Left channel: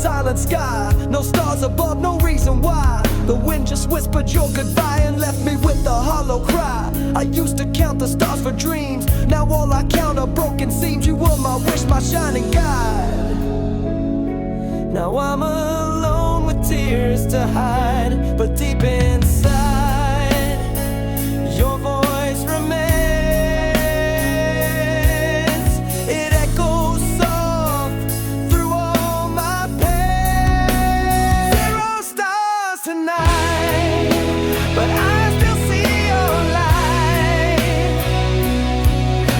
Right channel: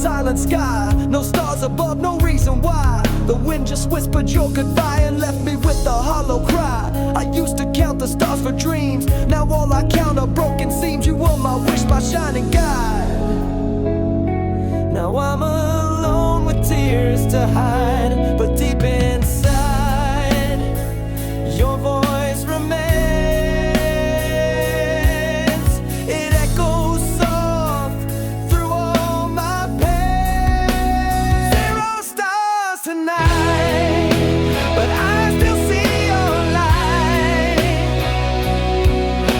silent sky. No stars above, no reason why. The wind just whispered your goodbye and left me with a hollow cry. I used to count the stars for dreams, now all I count are broken seams. You were my wish, my shining guide. Now I'm alone with tears to hide, but deep inside, your voice remains. It echoes soft through all my pain. Zero stars tonight, but I still see your light.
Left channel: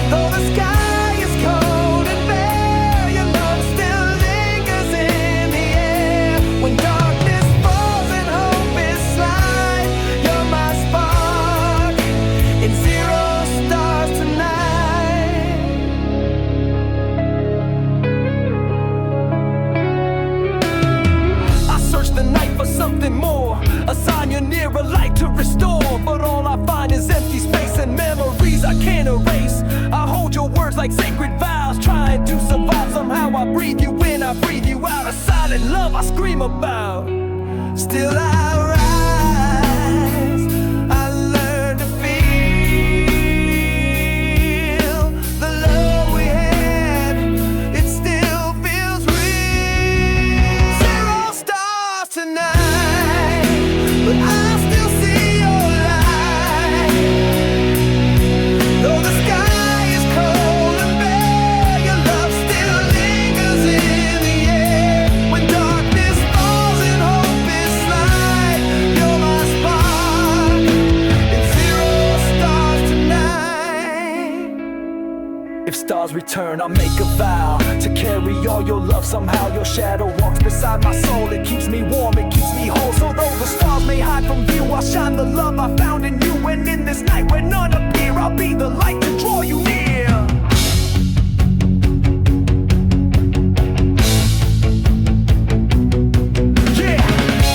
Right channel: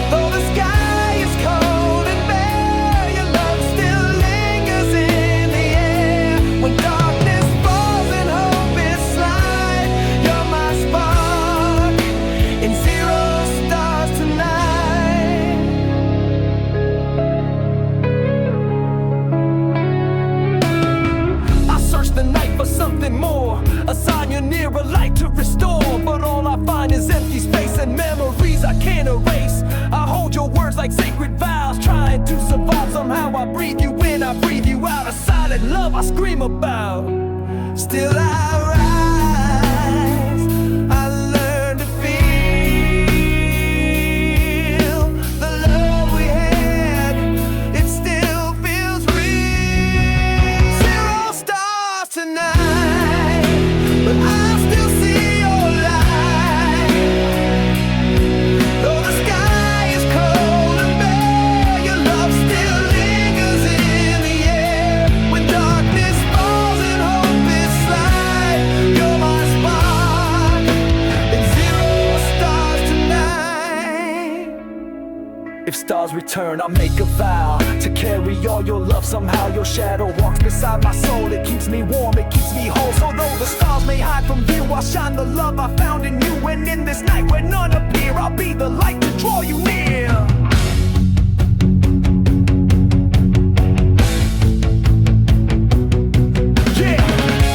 Though the sky is cold and bare, your love still lingers in the air. When darkness falls and hope is slight, you're my spark in zero stars tonight. I search the night for something more, a sign you're near, a light to restore. But all I find is empty space and memories I can't erase. I hold your words like sacred vows, trying to survive. Somehow I breathe you in, I breathe you out. A silent love I scream about. Still I rise, I learn to feel the love we had. It still feels real. Zero stars tonight, but I still see your light. Though the sky is cold and bare, your love still lingers in the air. When darkness falls and hope is slight, you're my spark in zero stars tonight. If stars return, I'll make a vow to carry all your love. Somehow your shadow walks beside my soul. It keeps me warm, it keeps me whole. So though the stars may hide from view, I'll shine the love I found in you. And in this night where none appear, I'll be the light to draw you near. Yeah,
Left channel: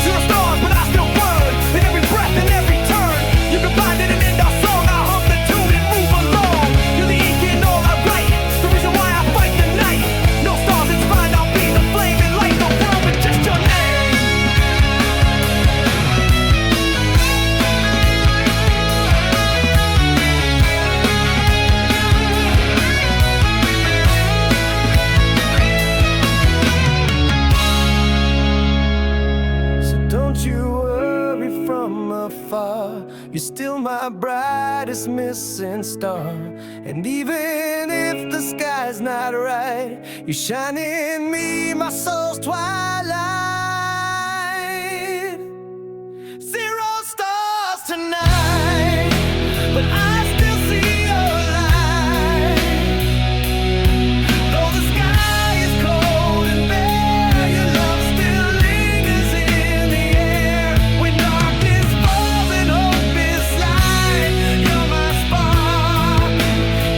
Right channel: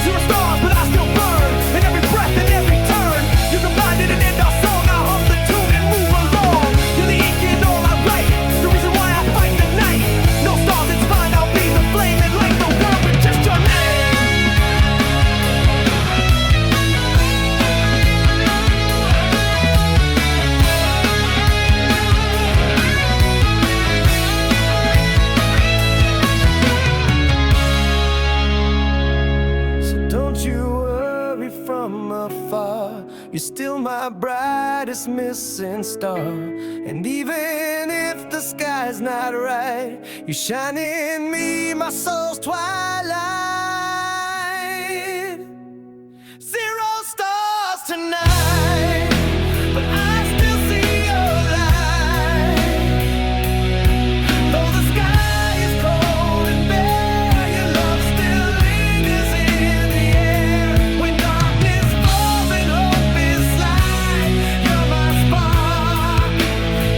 zero stars, but I still burn. In every breath, in every turn, you can find it and end our song. I hum the tune and move along. You're the ink in all I write, the reason why I fight the night. No stars, it's fine, I'll be the flame and light the world with just your name. So don't you worry from afar, you're still my brightest missing star. And even if the sky's not right, you shine in me, my soul's twilight. Zero stars tonight, but I still see your light. Though the sky is cold and bare, your love still lingers in the air. When darkness falls and hope is slight, you're my spark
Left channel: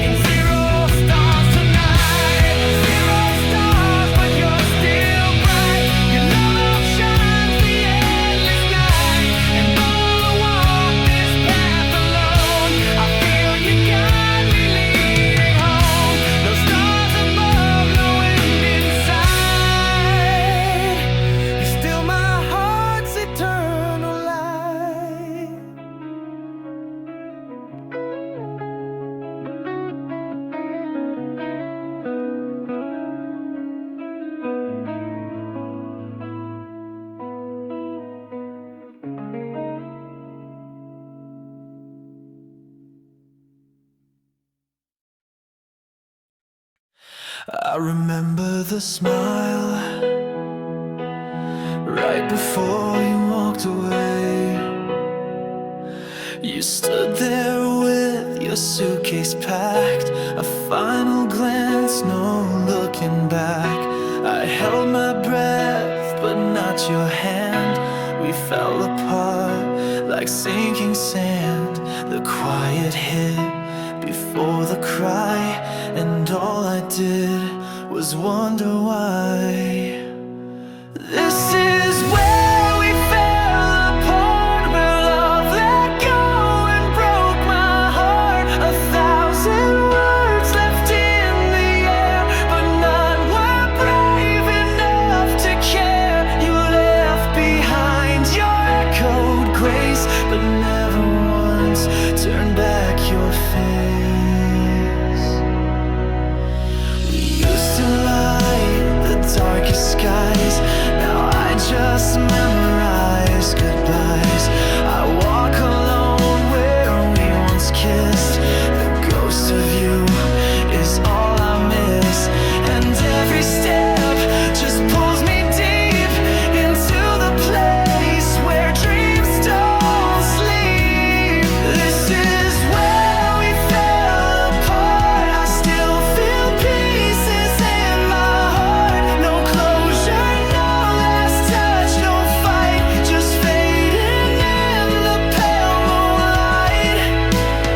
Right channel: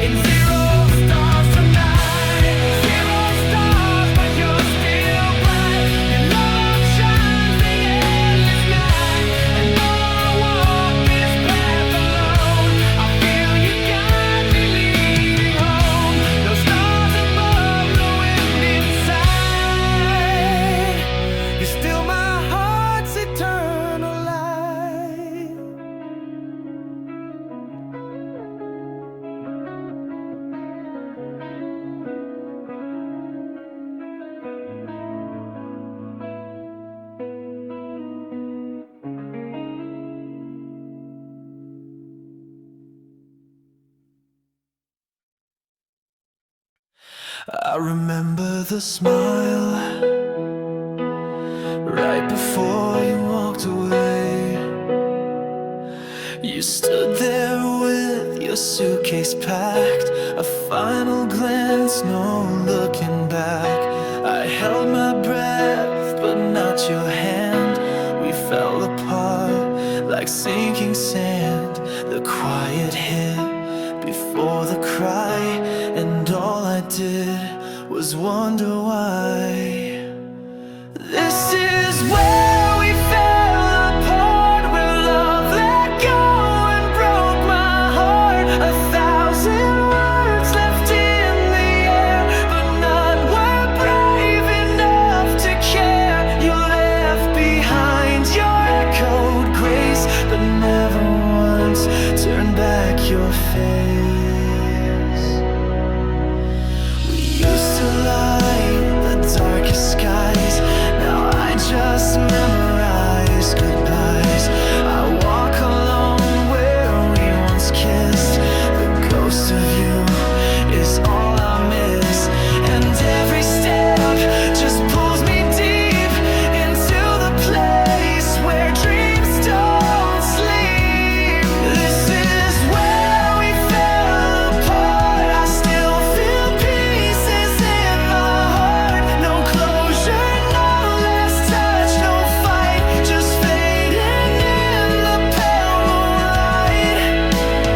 in zero stars tonight. Zero stars, but you're still bright. Your love outshines the endless night. And though I walk this path alone, I feel you got me leading home. No stars above, no end inside. You're still my heart's eternal light. I remember the smile right before you walked away. You stood there with your suitcase packed, a final glance, no looking back. I held my breath, but not your hand. We fell apart like sinking sand. The quiet hit before the cry, and all I did was wonder why. This is where we fell apart, where love let go and broke my heart. 1,000 words left in the air, but none were brave enough to care. turn back your face. We used to light the darkest skies. Now I just memorize goodbyes. I walk alone where we once kissed. The ghost of you is all I miss. And every step just pulls me deep into the place where dreams don't sleep. This is where we fell apart. I still feel pieces in my heart. No closure, no last touch, no fight, just fading in the pale moonlight.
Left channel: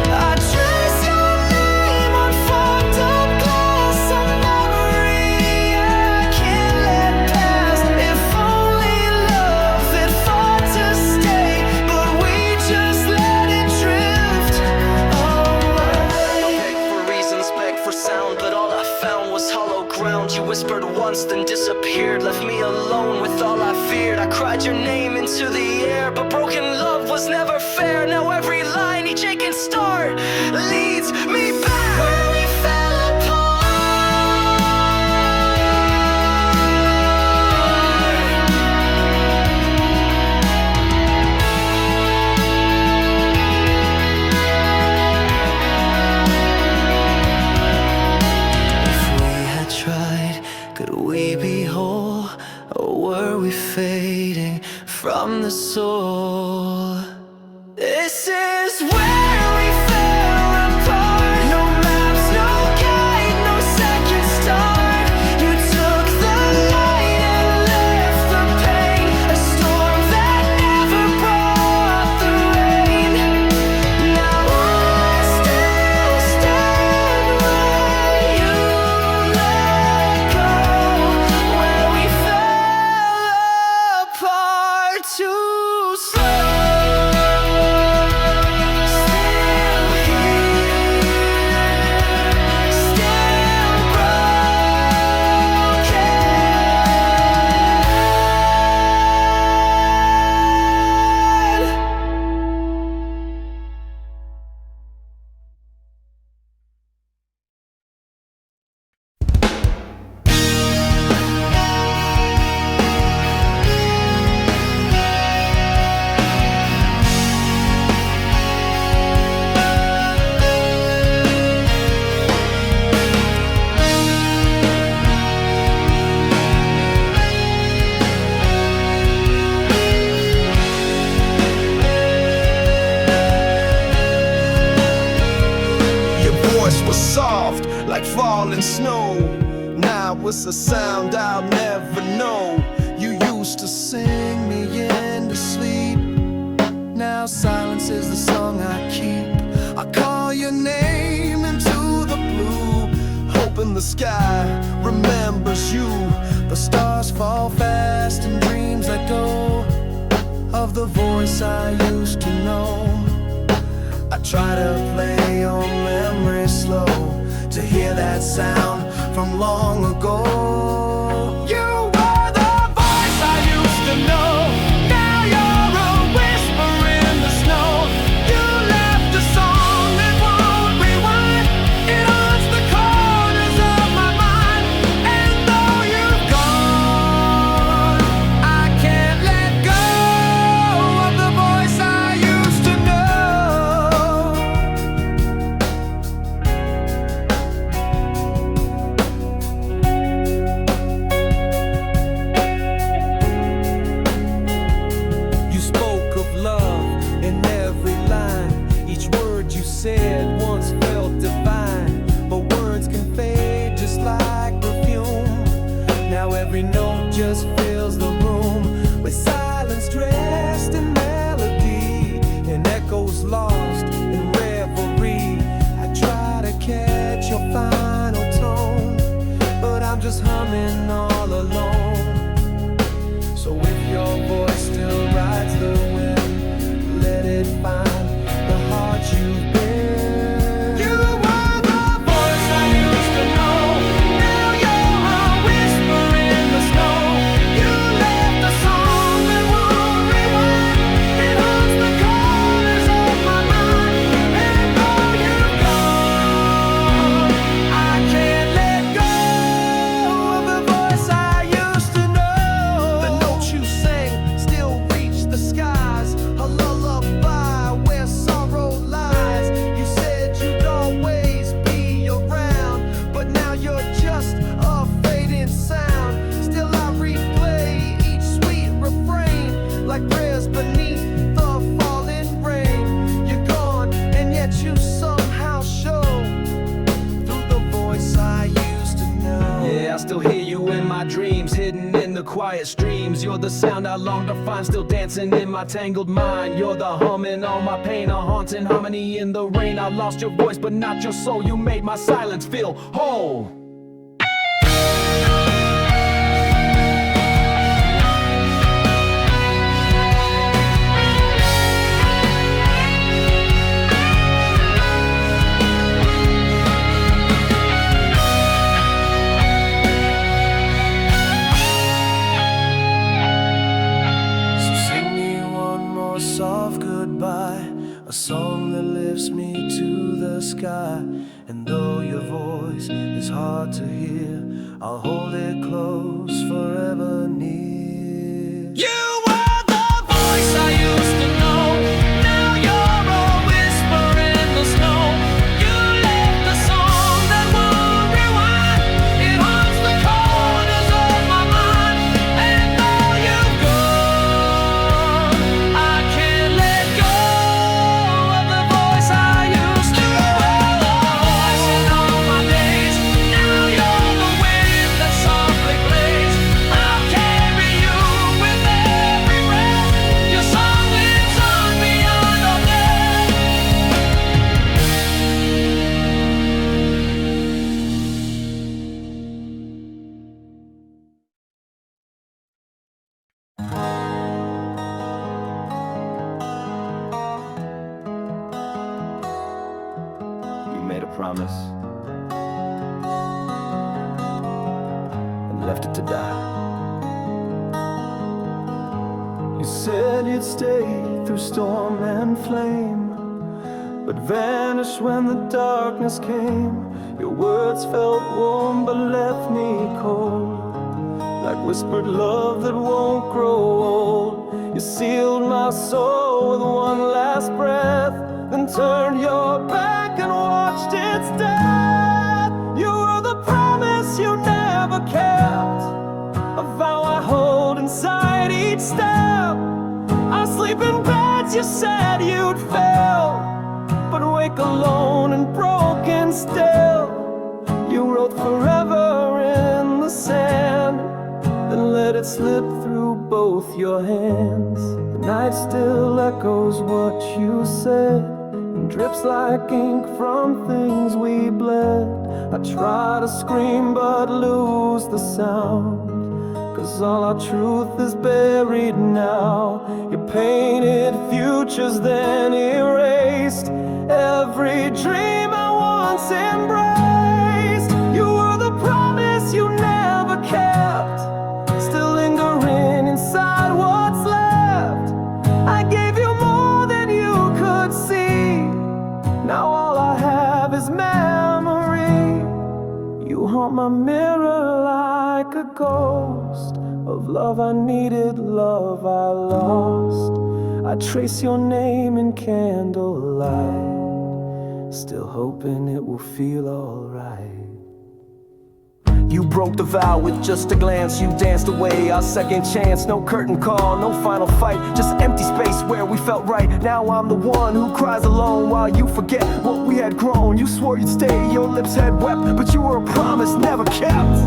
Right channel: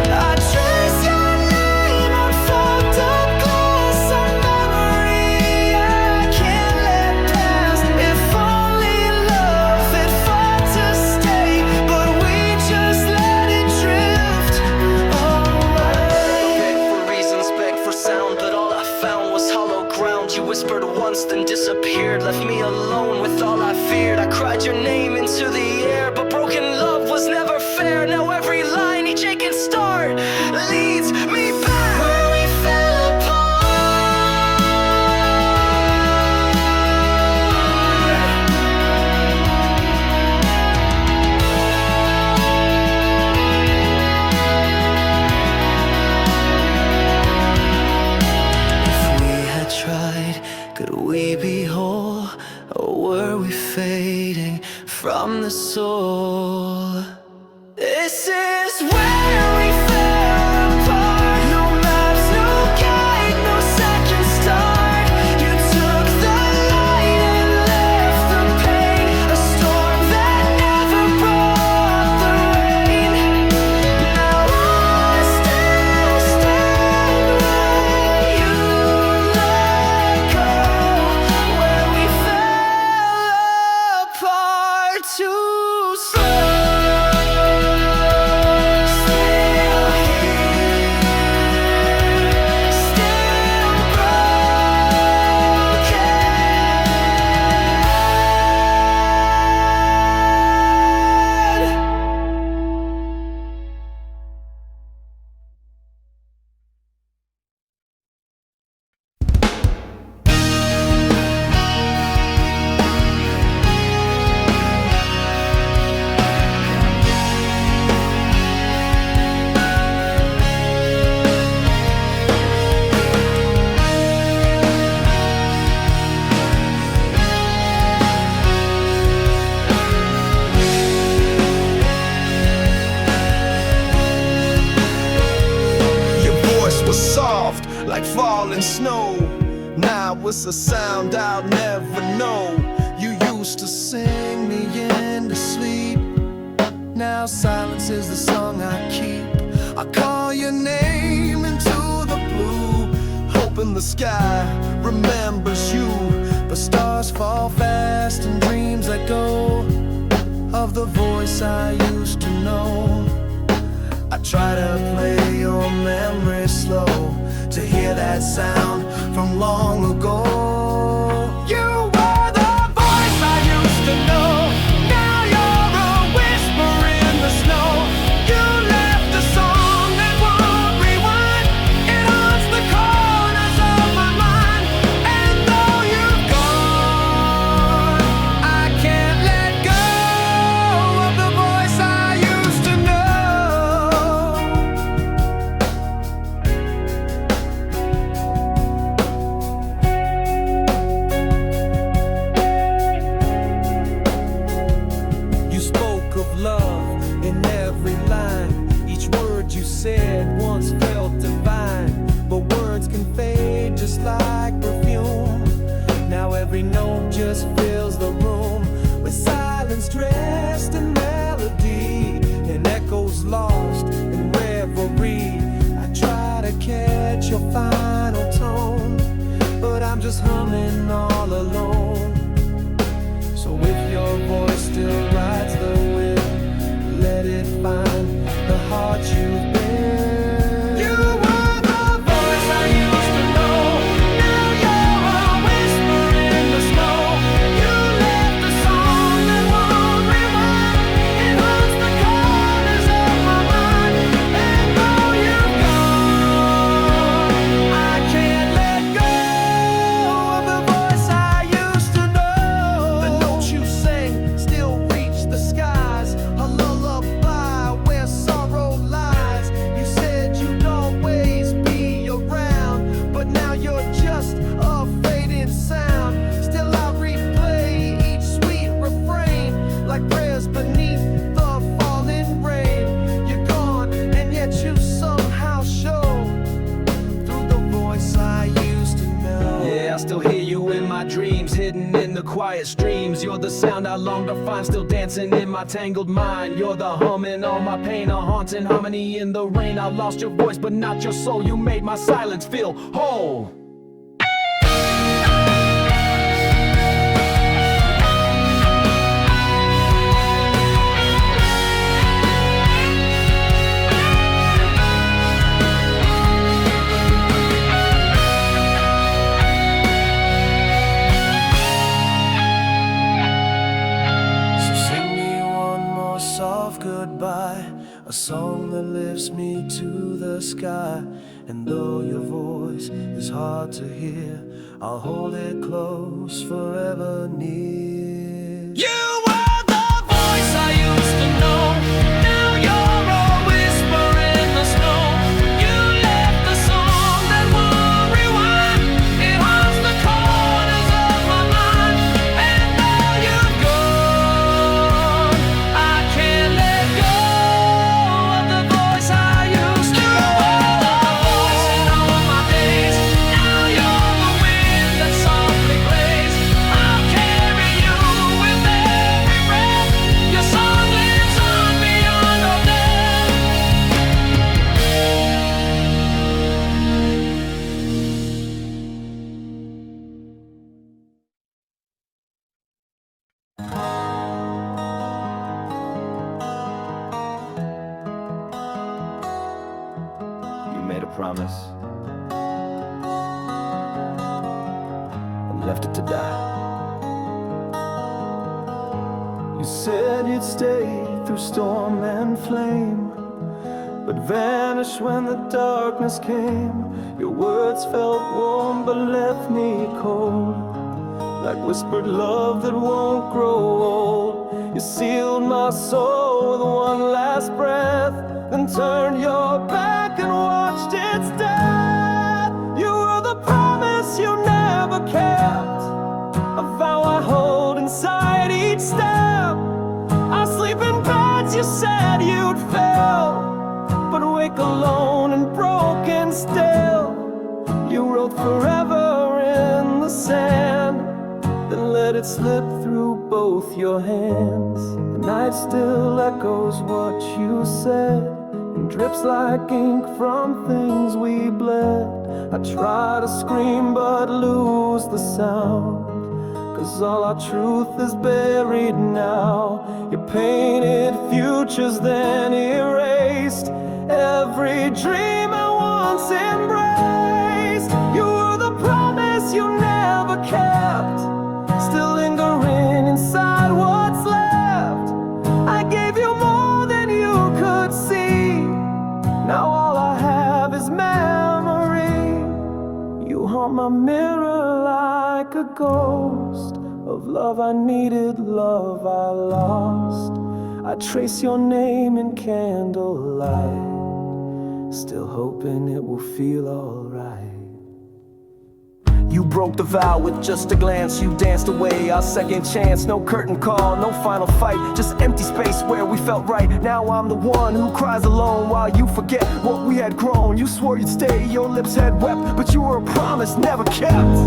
I trace your name on fogged up glass, a memory I can't let pass. If only love had fought to stay, but we just let it drift away. Beg for reasons, beg for sound, but all I found was hollow ground. You whispered once, then disappeared, left me alone with all I feared. I cried your name into the air, but broken love was never fair. Now every line, each aching start leads me back where we fell apart. If we had tried, could we be whole, or were we fading from the soul? This is where we fell apart. No maps, no guide, no second start. You took the light and left the pain, a storm that never brought the rain. Now I still stand where you let go, where we fell apart too slow. Still here, still broken. Your voice was soft like falling snow. Now it's a sound I'll never know. You used to sing me into sleep. Now silence is the song I keep. I call your name into the blue, hoping the sky remembers you. The stars fall fast and dreams let go of the voice I used to know. I try to play your memory slow, to hear that sound from long ago. You were the voice I used to know. Now you're a whisper in the snow. You left a song that won't rewind. It haunts the corners of my mind. And though you've gone, I can't let go of the voice I used to know. You spoke of love in every line. Each word you said once felt divine. But words can fade just like perfume. Now every note just fills the room with silence dressed in melody, and echoes lost in reverie. I try to catch your final tone, but I'm just humming all alone. So if your voice still rides the wind, let it find the heart you've been. You were the voice I used to know. Now you're a whisper in the snow. You left a song that won't rewind. It haunts the corners of my mind. quiet streams. You're the sound I long to find, still dancing in my tangled mind. You're the hum in all my pain, a haunting harmony in the rain. I lost your voice but not your soul, you made my silence feel whole. Soft goodbye, a song that lifts me to the sky. And though your voice is hard to hear, I'll hold it close, forever near. You were the voice I used to know. Now you're a whisper in the snow. You left a song that won't rewind. It haunts the corners of my mind. And though you've gone, I can't let go of the voice I used to. You were the voice in all my days. Now you're the wind that softly plays. I'll carry you with every breath. Your song lives on beyond all death. You made a promise and left it to die. You said you'd stay through storm and flame, but vanished when the darkness came. Your words felt warm but left me cold, like whispered love that won't grow old. You sealed my soul with one last breath, then turned your back and watched its death. You were the promise you never kept, a vow I hold inside each step. I sleep in beds you said you'd fill, but wake alone and broken still. You wrote forever in the sand, then let it slip through both your hands. The night still echoes what you said, and drips like ink from things we bled. I try to scream but lose the sound, 'cause all our truth is buried now. You painted futures then erased every dream I once embraced. You were the promise you never kept, still lingering inside what's left. I gave you more than you could see, now all I have is memory. You haunt my mirror like a ghost of love I needed, love I lost. I trace your name in candlelight, still hoping it will feel alright. You broke the vow with just a glance, you danced away our second chance. No curtain call, no final fight, just empty space where we felt right. Now I'm the one who cries alone while you forget what we had grown. You swore you'd stay, your lips had wept, but you were a promise never kept.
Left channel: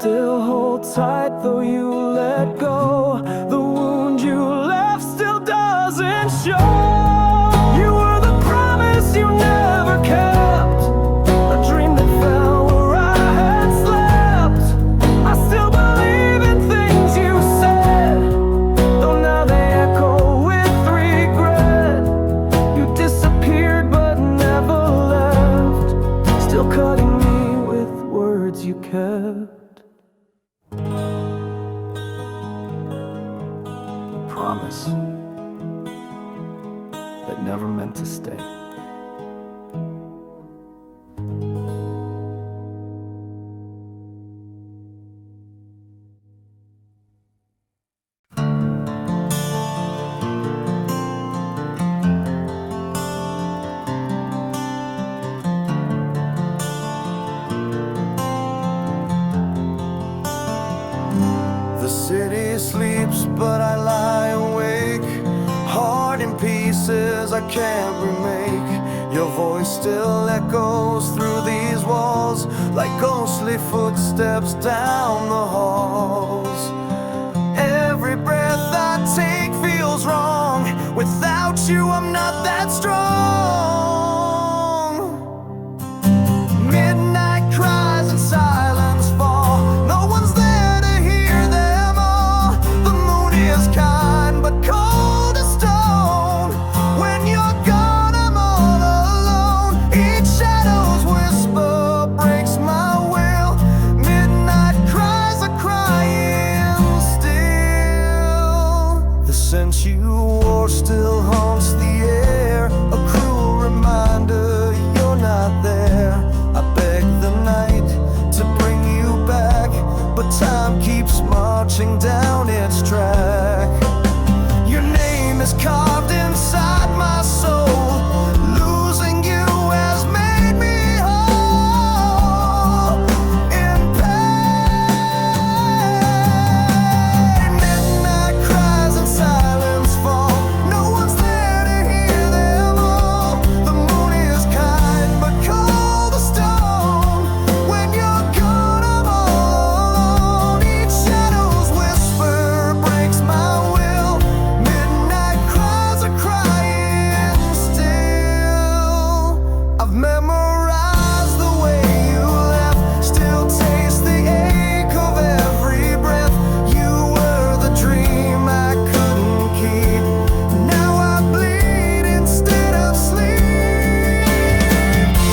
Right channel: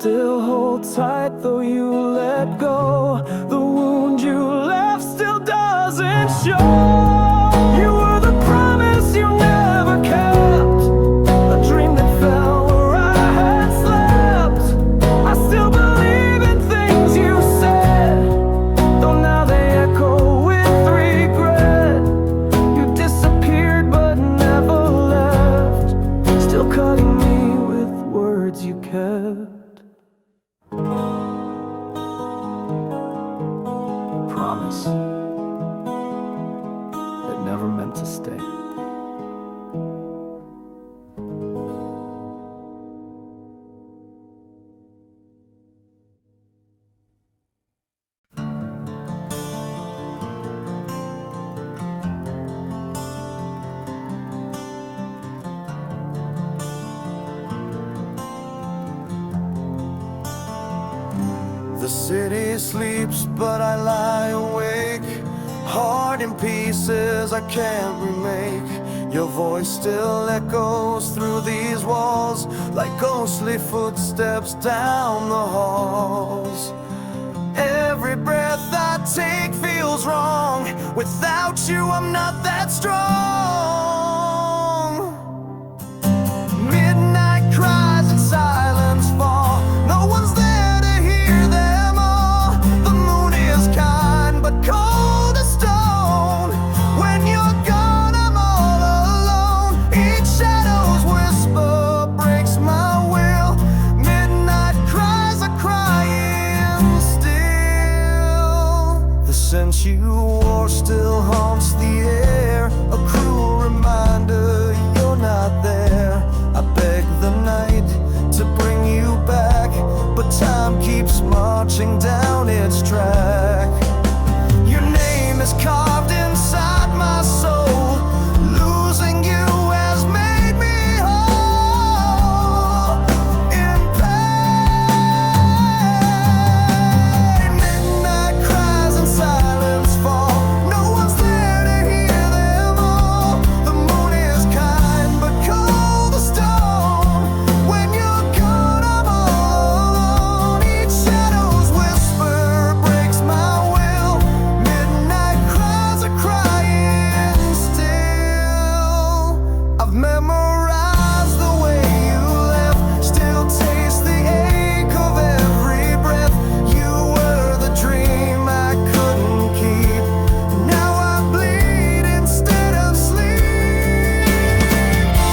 Still hold tight though you let go. The wound you left still doesn't show. You were the promise you never kept, a dream that fell where I had slept. I still believe in things you said, though now they echo with regret. You disappeared but never left, still cutting me with words you kept. Promise that never meant to stay. sleeps, but I lie awake, heart in pieces I can't remake. Your voice still echoes through these walls like ghostly footsteps down the halls. Every breath I take feels wrong. Without you, I'm not that strong. Midnight cries and silence fall. No one's there to hear them all. The moon is kind but cold as stone. When you're gone, I'm all alone. Each shadow's whisper breaks my will. Midnight cries are crying still. The scent you wore still haunts the air, a cruel reminder you're not there. I beg the night to bring you back, but time keeps marching down its track. Your name is carved inside my soul. Losing you has made me whole. In pain, midnight cries and silence fall. No one's there to hear them all. The moon is kind but cold as stone. When you're gone, I'm all alone. Each shadow's whisper breaks my will. Midnight cries are crying still. I've memorized the way you left, still taste the ache of every breath. You were the dream I couldn't keep. Now I bleed instead of sleep.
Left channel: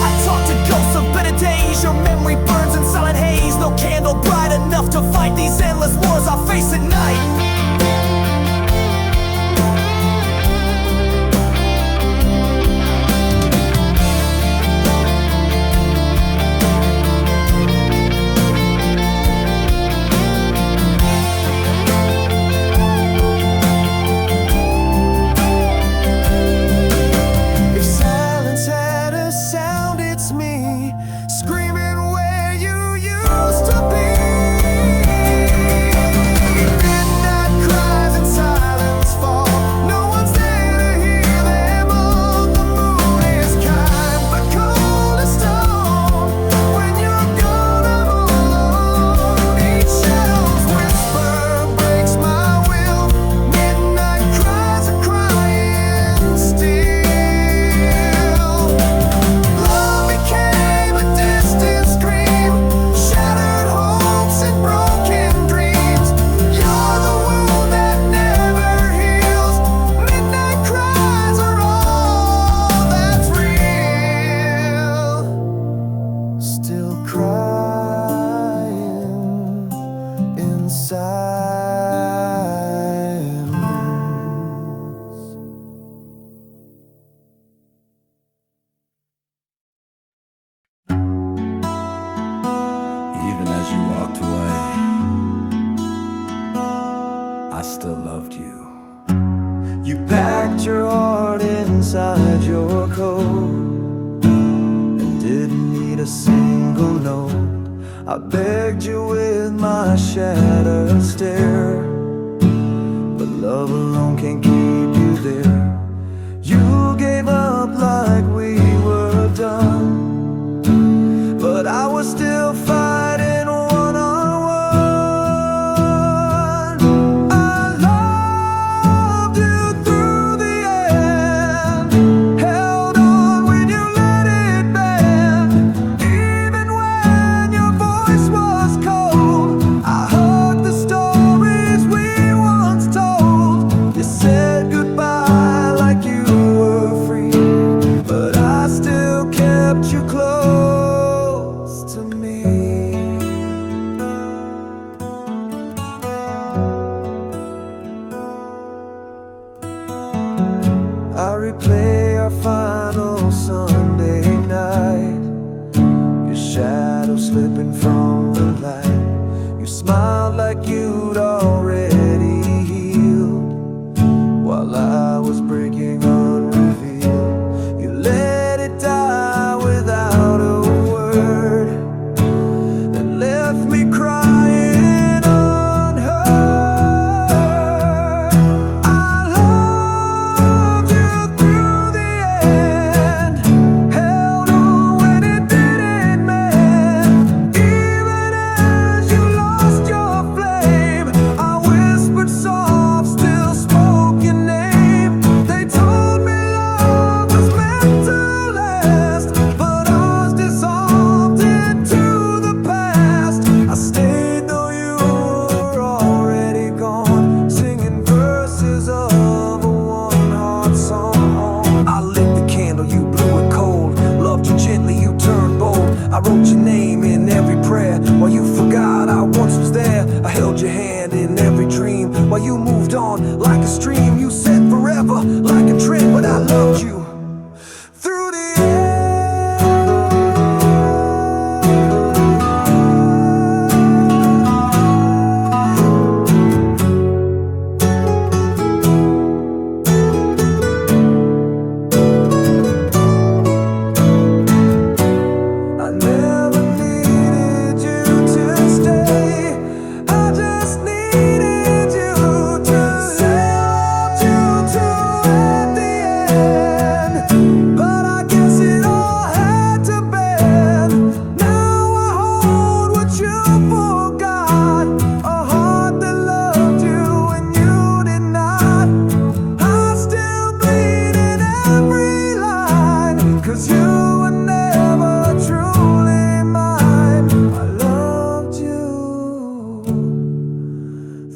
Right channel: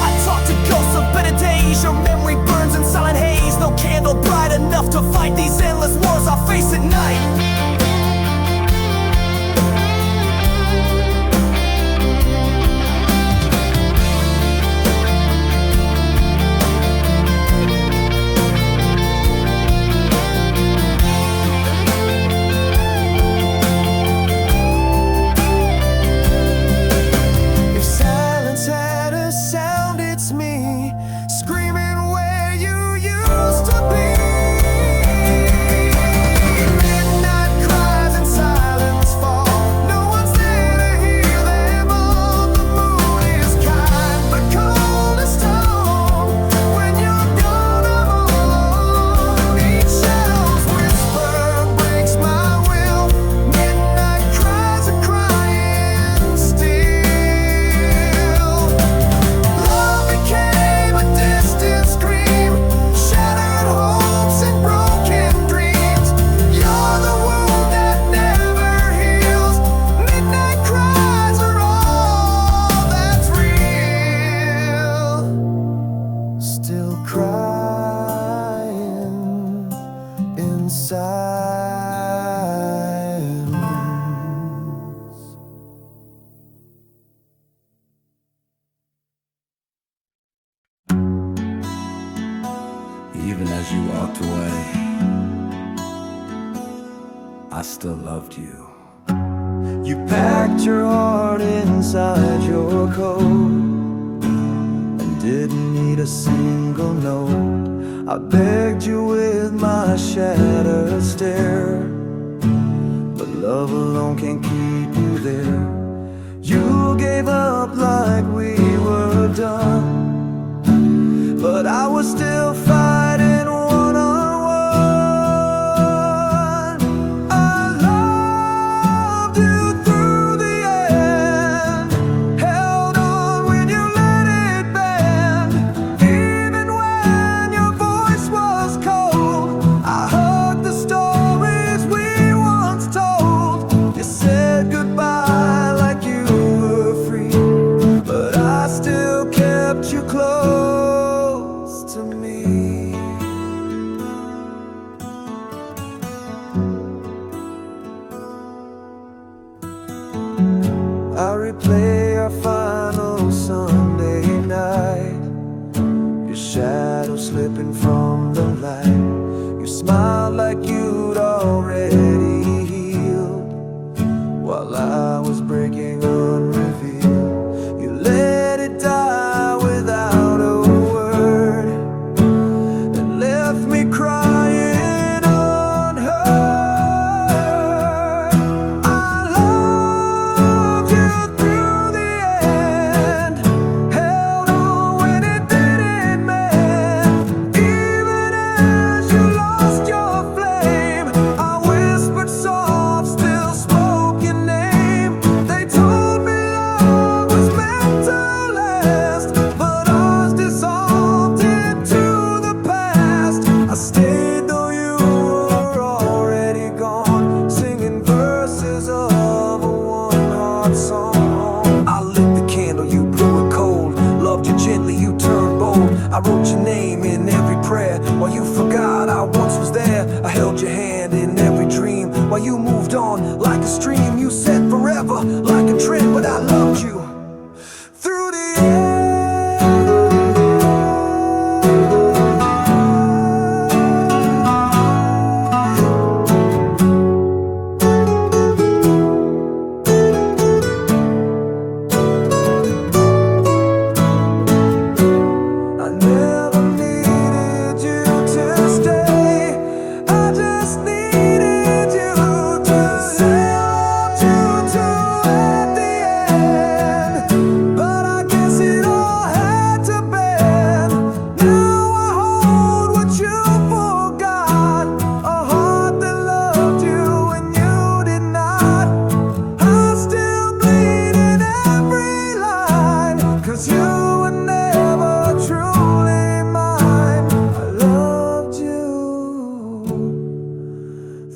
I talk to ghosts of better days. Your memory burns in silent haze. No candle bright enough to fight these endless wars I face at night. If silence had a sound, it's me screaming where you used to be. Midnight cries and silence fall. No one's there to hear them all. The moon is kind but cold as stone. When you're gone, I'm all alone. Each shadow's whisper breaks my will. Midnight cries are crying still. Love became a distant scream, shattered hopes and broken dreams. You're the wound that never heals. Midnight cries are all that's real. Still crying in silence. Even as you walked away, I still loved you. You packed your heart inside your coat and didn't need a single note. I begged you with my shattered stare, but love alone can't keep you there. You gave up like we were done, but I was still fighting one-on-one. I loved you through the end, held on when you let it bend. Even when your voice was cold, I hugged the stories we once told. You said goodbye like you were free, but I still kept you close to me. I replay our final Sunday night, your shadow slipping from the light. You smiled like you'd already healed, while I was breaking unrevealed. You let it die without a word and left me crying unheard. I wrote your name in every prayer. While you forgot I once was there, I held your hand in every dream. While you moved on like a stream, you said forever like a trend, but I loved you through the end.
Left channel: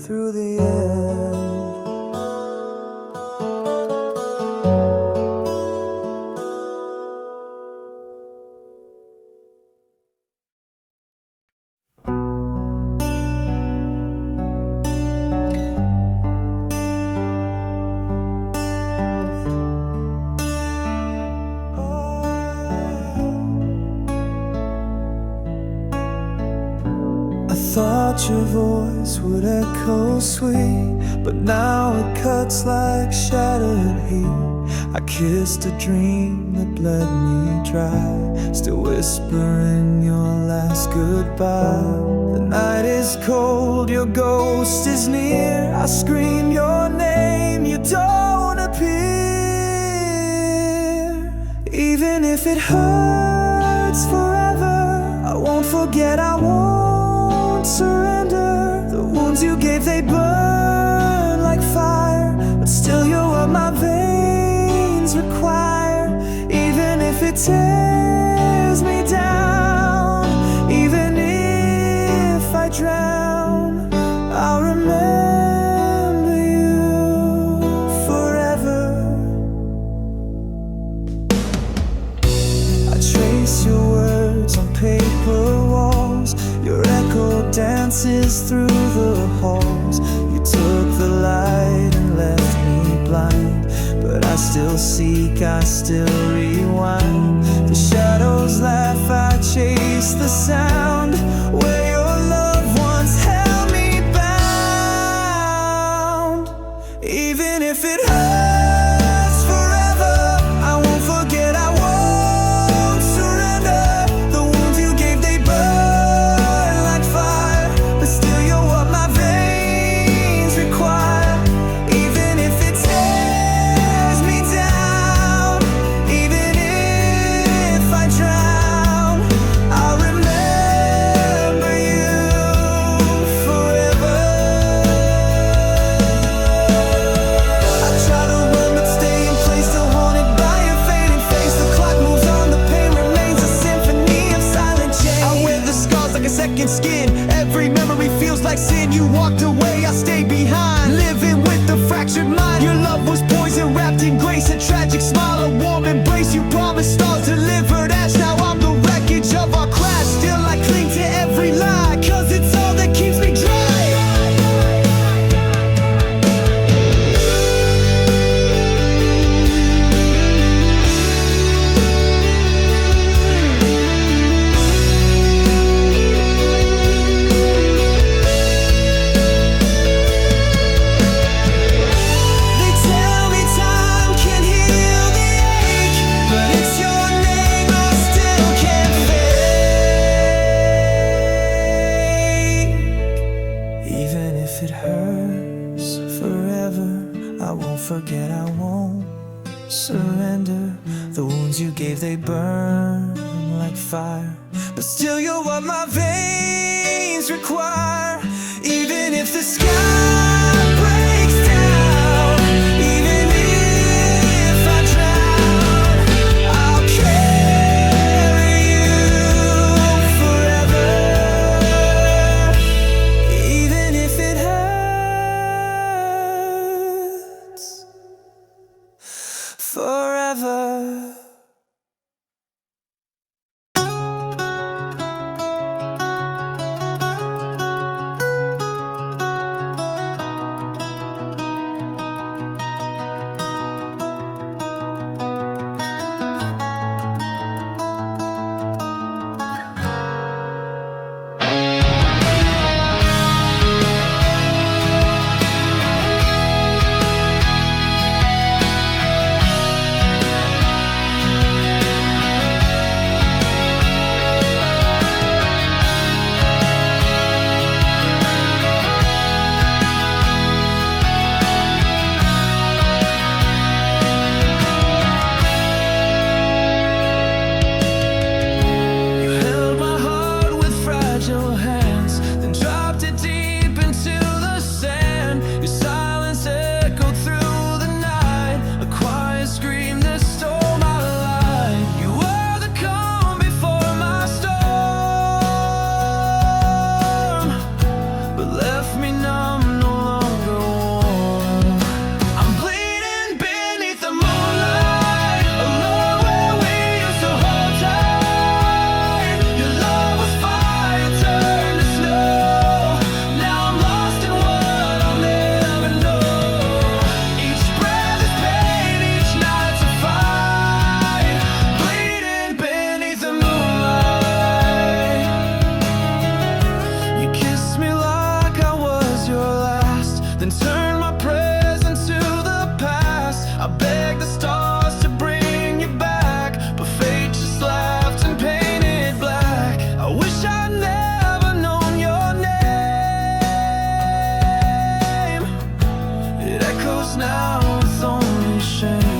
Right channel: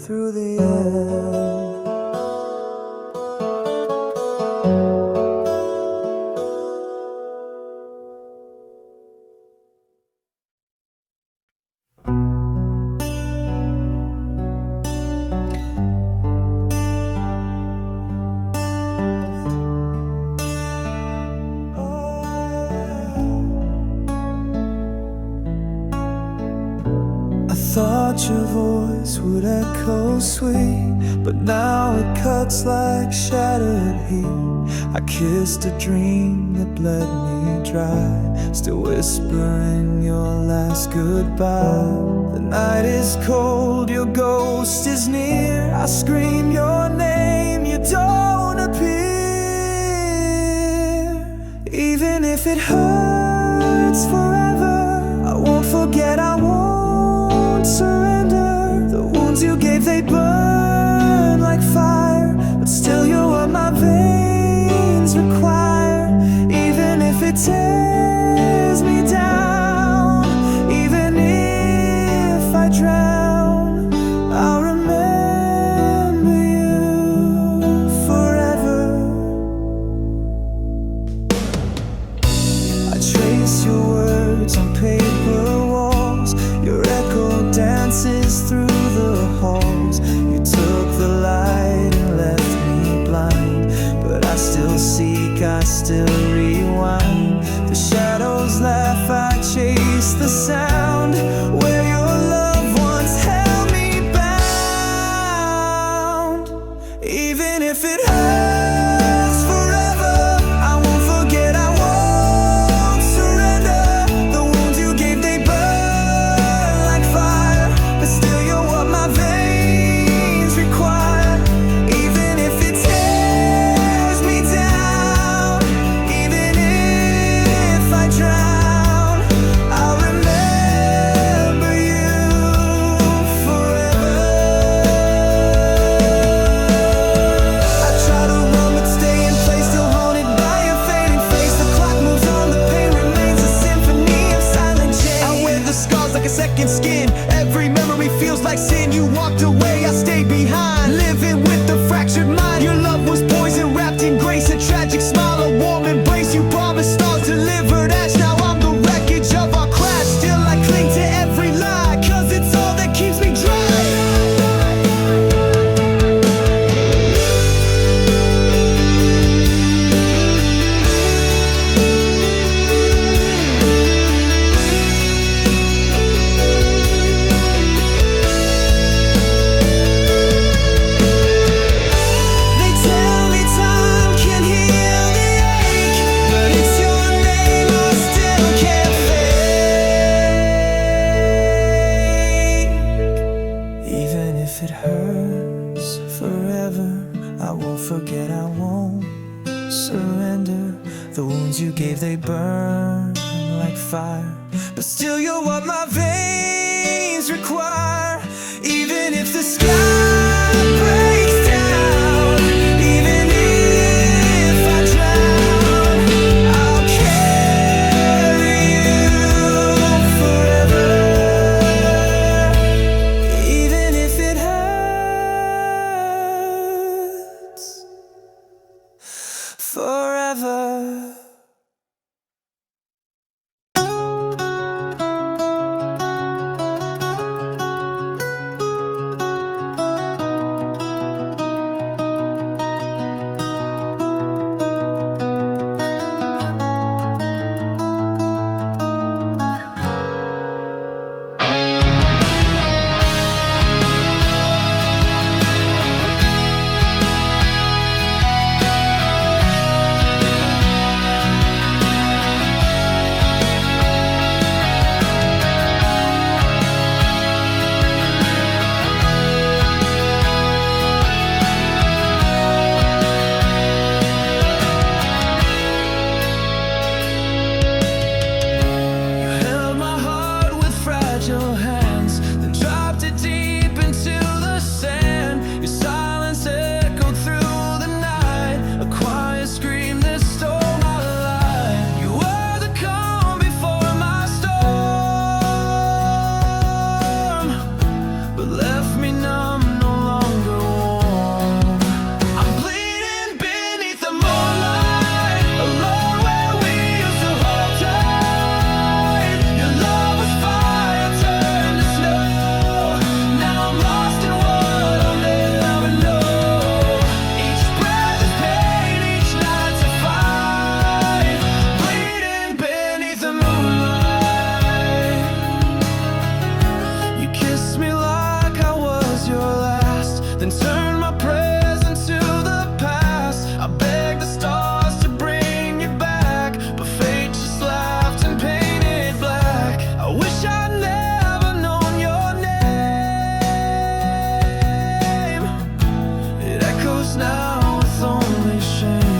Through the end. I thought your voice would echo sweet, but now it cuts like shattered heat. I kissed a dream that bled me dry, still whispering your last goodbye. The night is cold, your ghost is near. I scream your name, you don't appear. Even if it hurts forever, I won't forget, I won't surrender. The wounds you gave, they burn like fire, but still you're what my veins require. Even if it tears me down, even if I drown, I'll remember you forever. I trace your words on paper walls, your echo dances through the halls. You took the light and left me blind, but I still seek, I still rewind. The shadows laugh, I chase the sound. Where your love once held me bound. Even if it hurts forever, I won't forget, I won't surrender. The wounds you gave, they burn like fire, but still you're what my veins require. Even if it tears me down, even if I drown, I'll remember you forever. I try to run but stay in place, still haunted by your fading face. The clock moves on, the pain remains a symphony of silent change. I wear the scars like a second skin, every memory feels like sin. You walked away, I stayed behind, living with the fractured mind. Your love was poison wrapped in grace, a tragic smile, a warm embrace. You promised stars delivered ash, now I'm the wreckage of our crash. Still I cling to every lie, cause it's all that keeps me dry. They tell me time can heal the ache, but it's your name I still can't fake. Even if it hurts forever, I won't forget, I won't surrender. The wounds you gave, they burn like fire, but still you're what my veins require. Even if the sky breaks down, even if I drown, I'll carry you forever. Even if it hurts forever. now with only shame.